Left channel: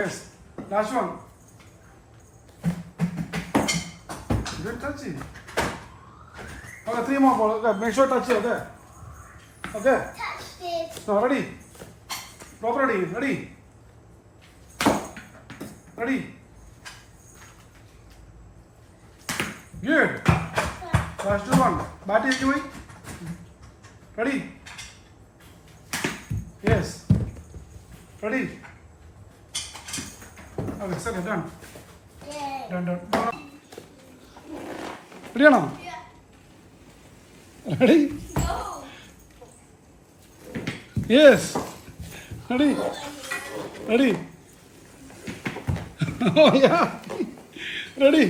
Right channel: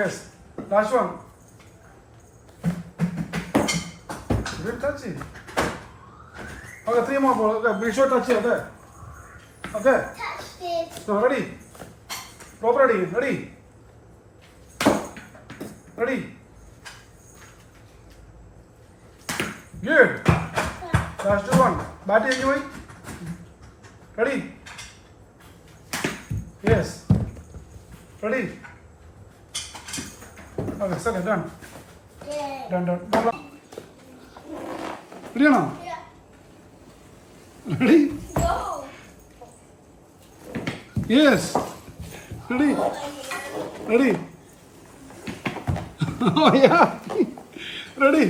Yes. Last one. Good touch it. Okay, 3 more balls. Okay, make sure touch it. Okay. Okay. Touched it. Now ready. Bob ready. Ready. Ready. Good. Last one. Bat it anyway. Ready. Yes. Ready. Okay, second done. Yeah. Done. Ready or not? Yeah. Ready? Go. Yes. Ready? Ready? Oh yeah. Ready?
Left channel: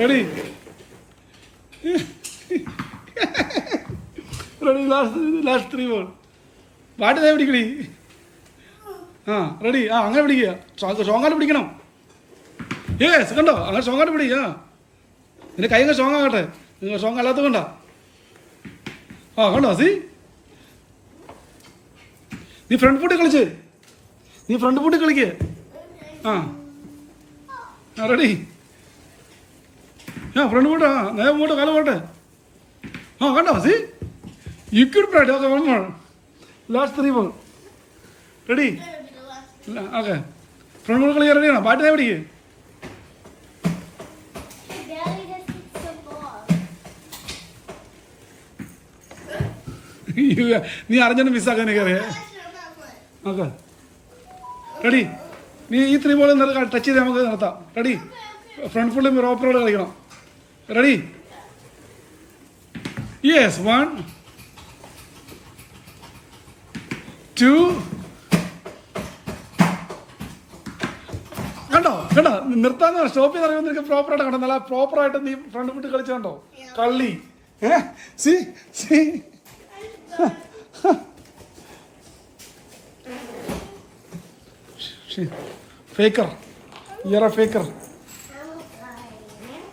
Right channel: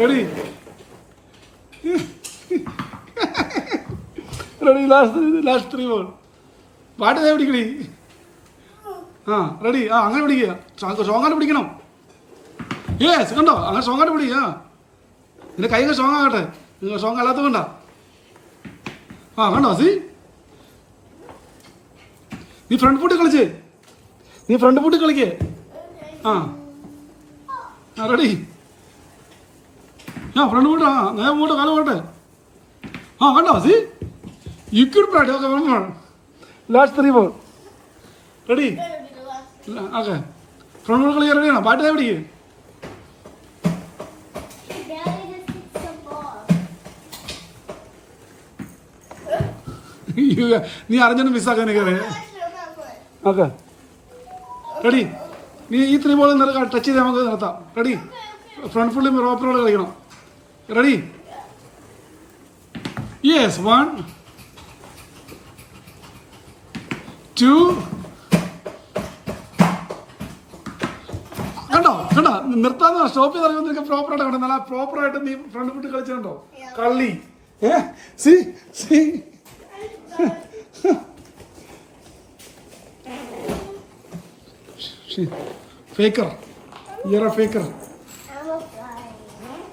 Ready? Ready? Last 3 more. What is everybody? Ready? അങ്ങനെ പിടിക്കുക സ്ട്രോങ്ങായിട്ട് പിടിക്കണം. Yes കണ്ടോ അങ്ങനെ സ്ട്രോങ്ങായിട്ട് പിടിക്കുക. നിന്റെ കൈ strong ആകട്ടെ. നിങ്ങൾ സ്ട്രോങ് അല്ലാത്ത കൊണ്ടാ. കണ്ടോ സി നീ ഫ്രണ്ട് പൂട്ടി കളിച്ച്. നീ ഫ്രണ്ട് പൂട്ടി കളിക്കേ. റെഡി? ഫ്രണ്ട് പൂട്ട്. നേരെ പോട്ടെ കാലം പോട്ടെ. കണ്ടോ see you could practice. Okay one more. Last 3 more. Ready? Okay front foot കളിക്കാൻ റെഡിയാണോ? പാട്ട് പിടിക്കേ. നീ അറിഞ്ഞു മിസ്സാക്കാൻ എനിക്കറിയാം. Okay ready? നീ ഈ 3 ബോൾ ടച്ച് ചെയ്ത് നമുക്ക് നിർത്താം. റെഡി? ഫ്രണ്ട് ഫുള്ളി പ്രോപ്പറോട് കളിക്കണം. റെഡി? യെസ് 1 2 കണ്ടോ നിർത്താന്ന് സ്റ്റോപ്പ് ചെയ്ത് അറിയുമ്പോൾ നിനക്ക് പ്രോപ്പറായിട്ട് കണ്ടോ. നല്ല പ്രോപ്പറായിട്ട് നീ ഫ്രണ്ട് ഫുട്ട് കളിച്ചുണ്ടോ കള്ളി. C C faker. You're a faker.